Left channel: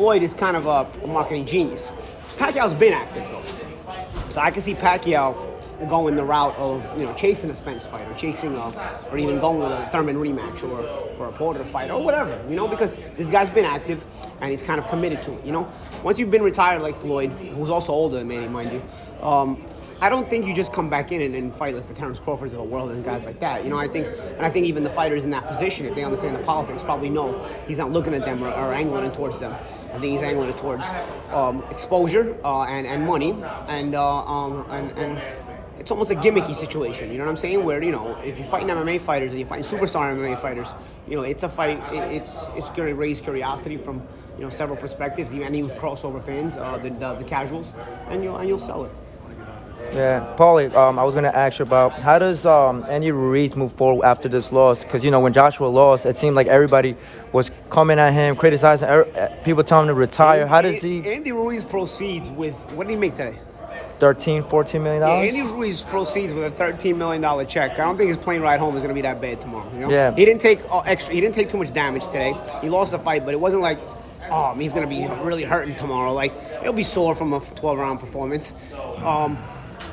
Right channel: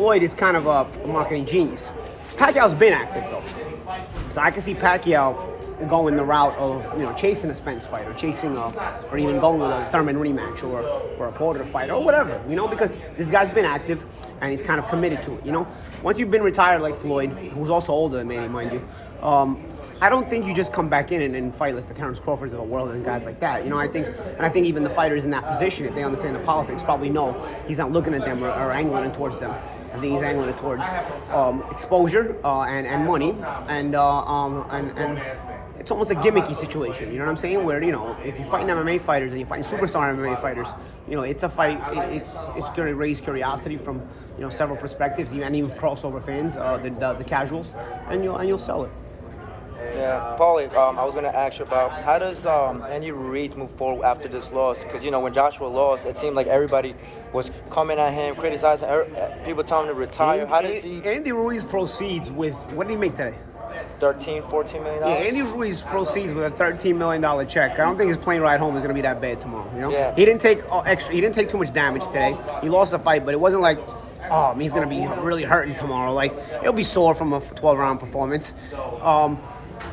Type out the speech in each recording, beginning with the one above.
Floyd is kind of a marketing genius. Pacquiao's been active though, so I can see Pacquiao going the route of chasing a Spence fight or or even going with a Thurman rematch or a Porter fight or whatever, because this guy's been active and he's kind of committed to it. Once you've been retired like Floyd, who's also older than Manny, mind you, I don't think you just come back in and fight like the Terrence Crawfords of the world and guys like that. I think even the fighters in that position, if they understand the politics, probably know he's not looking at them or angling it towards them. I think he's angling it towards exposure and money and it's almost a gimmicky situation. You know what I'm saying? Where if you're fighting MMA fighters and you're fighting superstar MMA fighters, it's a fight. It's going to raise curiosity from several perspectives, and even crossover fans, the casuals, and you'll sell it. Yeah, Paulie, I was going to ask you about how does Andy Ruiz move forward after this loss? Because, when Joshua lost, it seemed like everybody was coming at him, criticizing, people telling him to retire. How does he... Andy Ruiz proceeds with, what did he make today? $14 million? Yeah, Andy Ruiz proceeds with a $13 million check. I don't think his plane ride home is going to be that bad tomorrow, Yeah. He didn't take he didn't take too much damage today. He lost the fight, but it wasn't like, he's going to be really hurting tomorrow. Like, he'll be sore from a 12-round performance.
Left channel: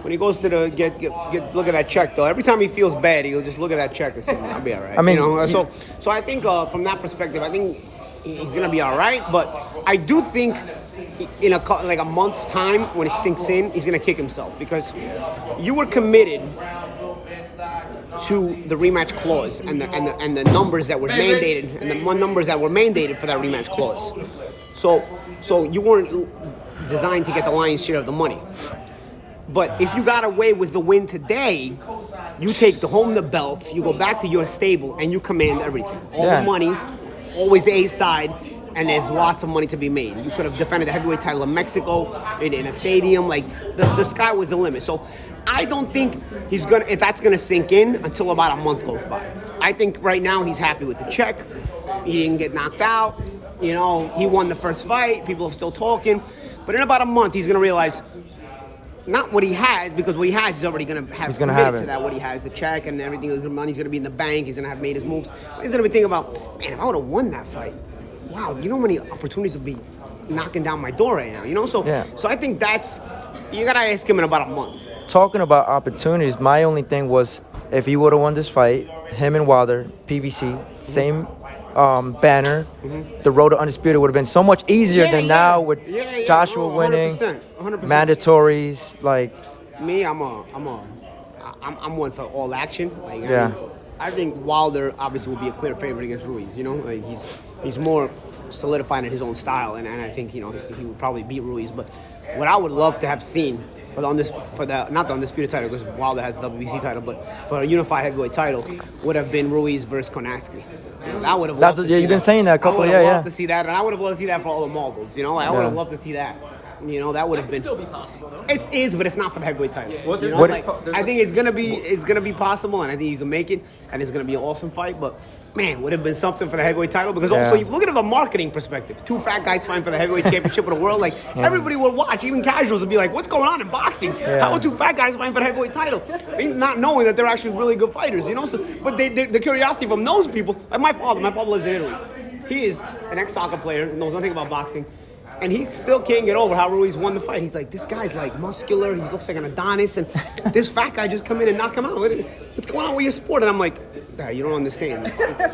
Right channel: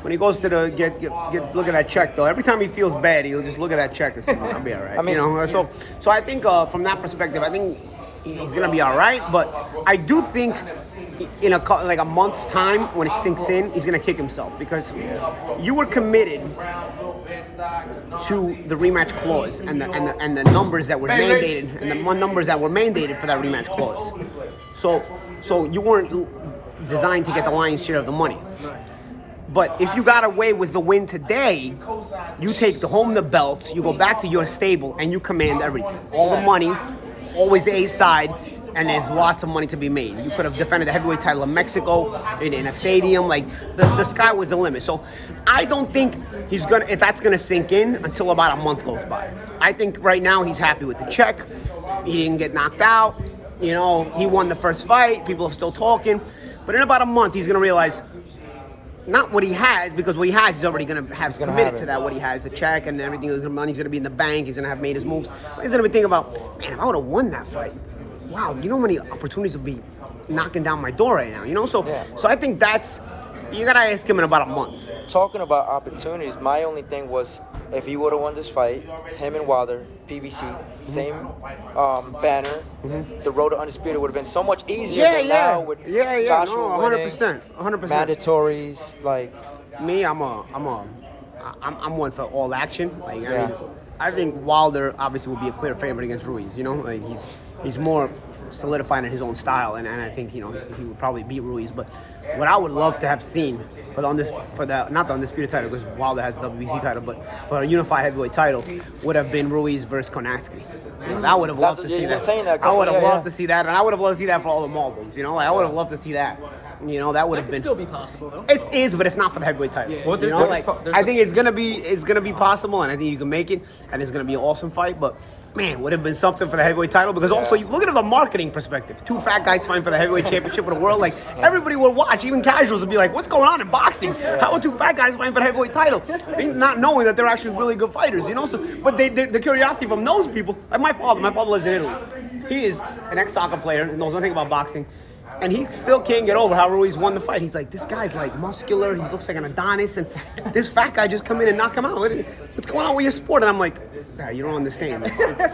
When he goes to look at that check, though, every time he feels bad, he'll just look at that check and say, I'll be all right. I mean, so I think from that perspective, I think he's going to be all right. But I do think in a month's time, when it sinks in, he's going to kick himself because you were committed to the rematch clause and the numbers that were mandated and the numbers that were mandated for that rematch clause. So you weren't designed to get the lion's share of the money. But if you got away with the win today, you take home the belts, you go back to your stable, and you command everything. All the money, always the A side, and there's lots of money to be made. You could have defended the heavyweight title in Mexico, in a stadium. Like, the sky was the limit. So I don't think that's gonna sink in until about a month goes by. I think right now he's happy with the check. He didn't get knocked out. He won the first fight. People are still talking. But in about a month, he's gonna realize not what he has, because what he has, he's already going to have committed to that. What he has, the check and everything, the money's going to be in the bank. He's going to have made his moves. But he's going to be thinking about, man, if I would have won that fight, wow, how many opportunities would be knocking down my door right now, So I think you got to ask him in about a month. Talking about opportunities, my only thing was if he would have won this fight, him and Wilder, PBC, same banner, the road to undisputed would have been so much easier than now with Joshua winning, 100%. mandatories. Like me, I'm one for all action. I think Wilder obviously will be a clear favorite against Ruiz. He's more solidified in his own style, and I think he would probably beat Ruiz. But what I would love to have seen not the undisputed title, because Wilder has the WBC title, but for a unified heavyweight title, would have been Ruiz versus Konatsky. I would have loved to see that. I would have loved to see that, and I would have loved to see that for all the marbles. I would have loved to see that. That would have been. Still be possible though. It is, but it's not for the heavyweight title. I think it's gonna be possible, and I think you can make it, and it's gonna be an awesome fight. But man, would have been something for the heavyweight title, because also you look at it from a marketing perspective. Two fat guys fighting for the heavyweight championship of the world. Everybody would watch, even casuals would be like, "What's going on in boxing? How are two fat guys fighting for the heavyweight title?" Not knowing that they're actually really good fighters, So, but the curiosity from those people, like my father lives in Italy. He is an ex-soccer player and knows nothing about boxing. And he still can't get over how Ruiz won the fight. He's like, this guy's muscular. He looks like an Adonis. And this fat guy just come in and knock him out. What's going on with your sport? And I'm like, you don't understand.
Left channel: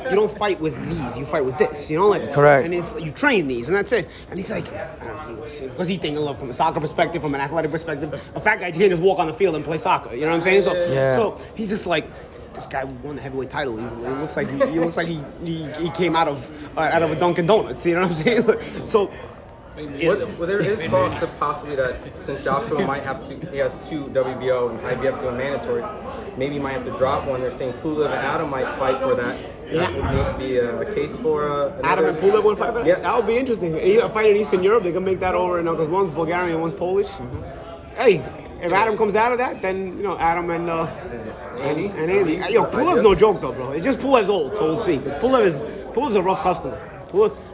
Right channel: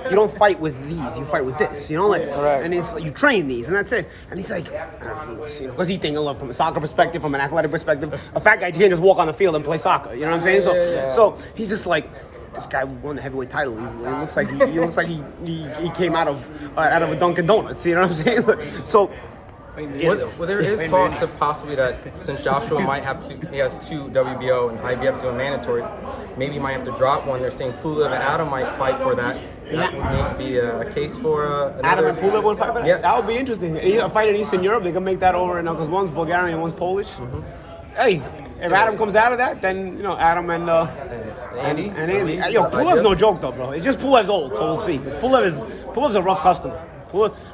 You don't fight with these. You fight with this. Correct. And you train these, and that's it. And he's like, I don't know, because he's thinking from a soccer perspective, from an athletic perspective. A fat guy can't just walk on the field and play soccer. You know what I'm saying? So he's just like, this guy won the heavyweight title. He looks like he came out of a Dunkin' Donuts. You know what I'm saying? So. Well, there is talks of possibly that since Joshua he has two WBO and IBF doing mandatories, maybe he might have to drop one. They're saying Pulev and Adam might fight for that. Yeah. Make the case for Adam and Pulev would fight for that? Yeah. That would be interesting. A fight in Eastern Europe, they can make that over, because one's Bulgarian, one's Polish. Hey, if Adam comes out of that, then Adam and Andy. Pulev's no joke though, bro. It's just Pulev's old, so we'll see. Pulev's a rough customer.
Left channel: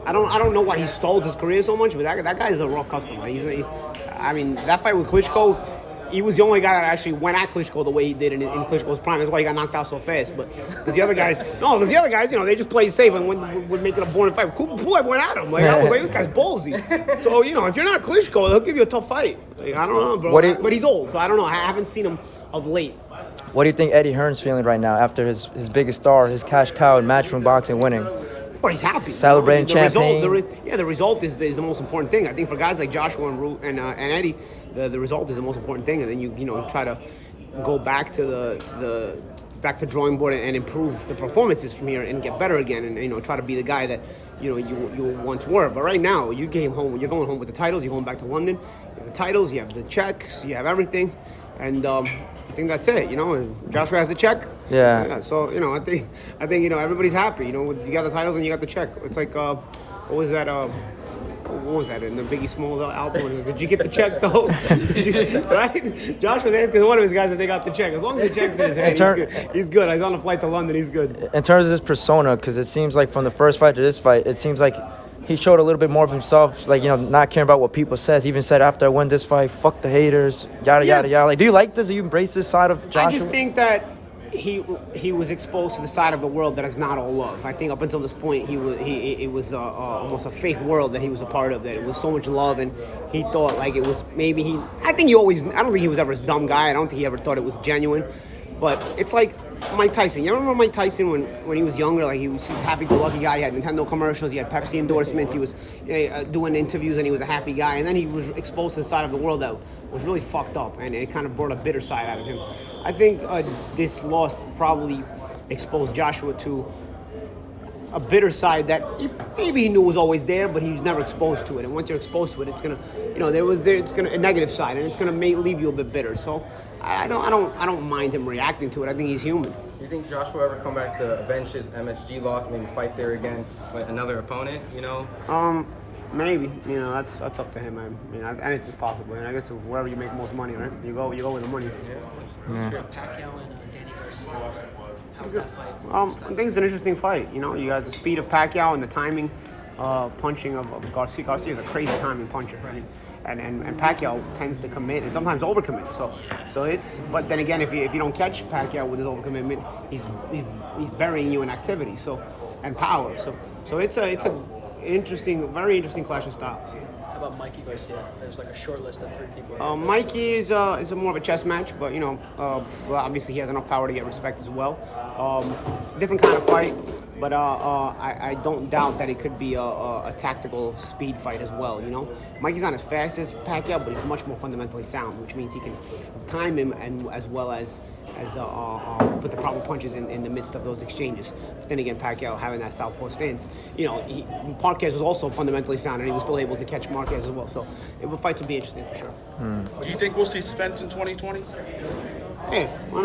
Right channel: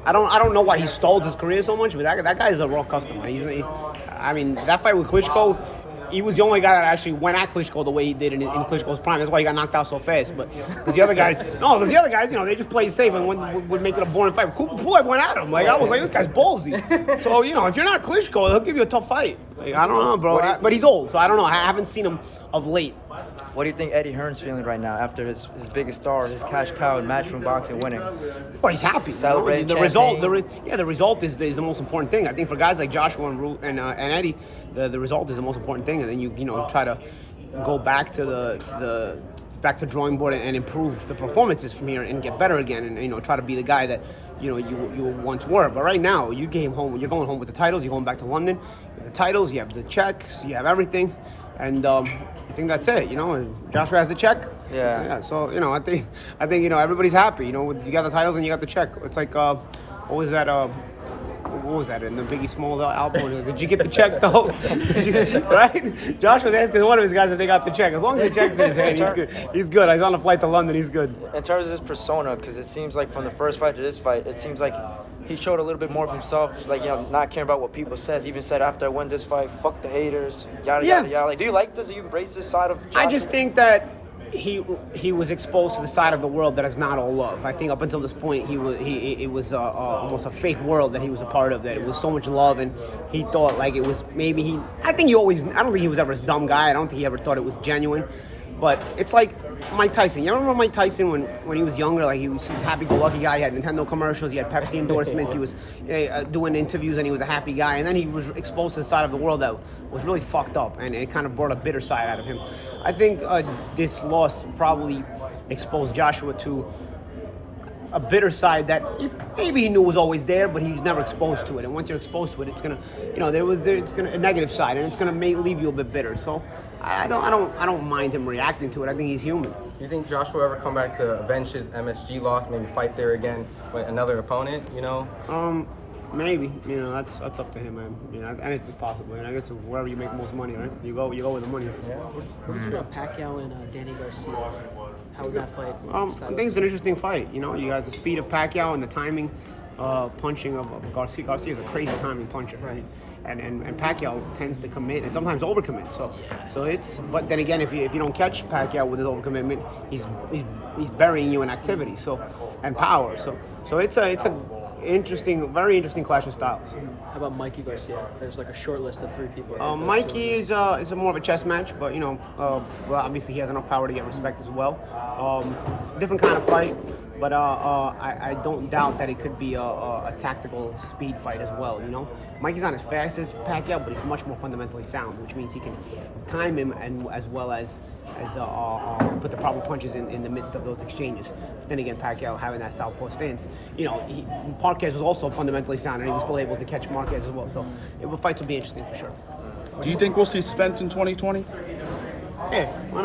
I don't know why he stalls his career so much, but that guy's a rough customer. That fight with Klitschko, he was the only guy that actually went at Klitschko the way he did in Klitschko's prime. That's why he got knocked out so fast. But because the other guys, they just played safe and would make it a boring fight. Pulev went at him. Like, I was like, this guy's ballsy. So, if you're not Klitschko, he'll give you a tough fight. Like, I don't know, bro. But he's old, so I don't know. I haven't seen him of late. What do you think Eddie Hearn's feeling right now after his biggest star, his cash cow in Matchroom Boxing winning? Well, he's happy. Celebrating the result. The result is the most important thing. I think for guys like Joshua and Eddie, the result is the most important thing. And then you try to go back to the drawing board and improve the performances from here and get better again and try to be the guy that you once were. But right now, you came home. You're going home with the titles. You're going back to London. You have the titles. You have the checks. You have everything. And I think that's it. Joshua has the check. Yeah. So I think everybody's happy. You got the titles and you got the check. It's like what was that? What was that in the Biggie Smalls album? Did you get the check though? Right? Josh was asking one of his guys if they got the check. As long as the check's in his hand, he's good. He's good. He's on a flight to London. He's good. In terms of his persona, because it seems like from the first fight to this fight, it seems like he showed a little bit more of himself, like, not caring about what people says. He even said after I win this fight, fuck the haters, yada, yada, yada. Like, do you like this? Do you embrace this side of Joshua? I just think that he was exposed to the side of the world that is not all love. I think up until this point, it was almost a fake world that he was a part of, that it was so much love, and he thought like it was maybe I don't think he was ever a dumb guy. I don't think he ever thought it was genuine. But it's like Mike Tyson. You remember Mike Tyson when he was younger? Like, he was this happy-go-lucky guy. He had Nintendo commercials. He had Pepsi endorsements. He was doing interviews, and he was a happy guy. And then he was exposed to the side of the world that was really fucked up, and it kind of brought a bitter side out of him. I think this loss probably exposed Joshua to a bitter side that maybe he knew was always there, but he was never exposed to it. And once you're exposed to it, it's gonna, it's gonna a negative side, and it's gonna leave you a bit bitter. So I don't mind him reacting to it. I think he's human. You think Joshua ever come back to avenge his MSG loss, maybe fight there again with another opponent? Maybe. That's up to him, man. Anything's possible. And I guess wherever you make most money, right? You go with the money. Pacquiao and Danny Garcia. I think it's an interesting fight. You got the speed of Pacquiao and the timing, punching of Garcia. Garcia is a crazy timing puncher. And Pacquiao tends to commit and sometimes overcommit. So it's. But then again, if you don't catch Pacquiao with his overcommitment, he's burying you in activity. And power. So it's a interesting, very interesting clash of styles. How about Mikey Garcia? There's like a short list of 3 people. Mikey is a more of a chess match, but well, obviously he has enough power to get respect as well. Different kind of fight, but I don't doubt that it could be a tactical speed fight as well. Mikey's not as fast as Pacquiao, but he's much more fundamentally sound, which means he can time him and as well as put the proper punches in the midst of those exchanges. Then again, Pacquiao having that southpaw stance, Marquez was also fundamentally sound, and he was still able to catch Marquez as well. So the fights will be interesting for sure. Do you think we'll see Spence in 2020? Hey, why not?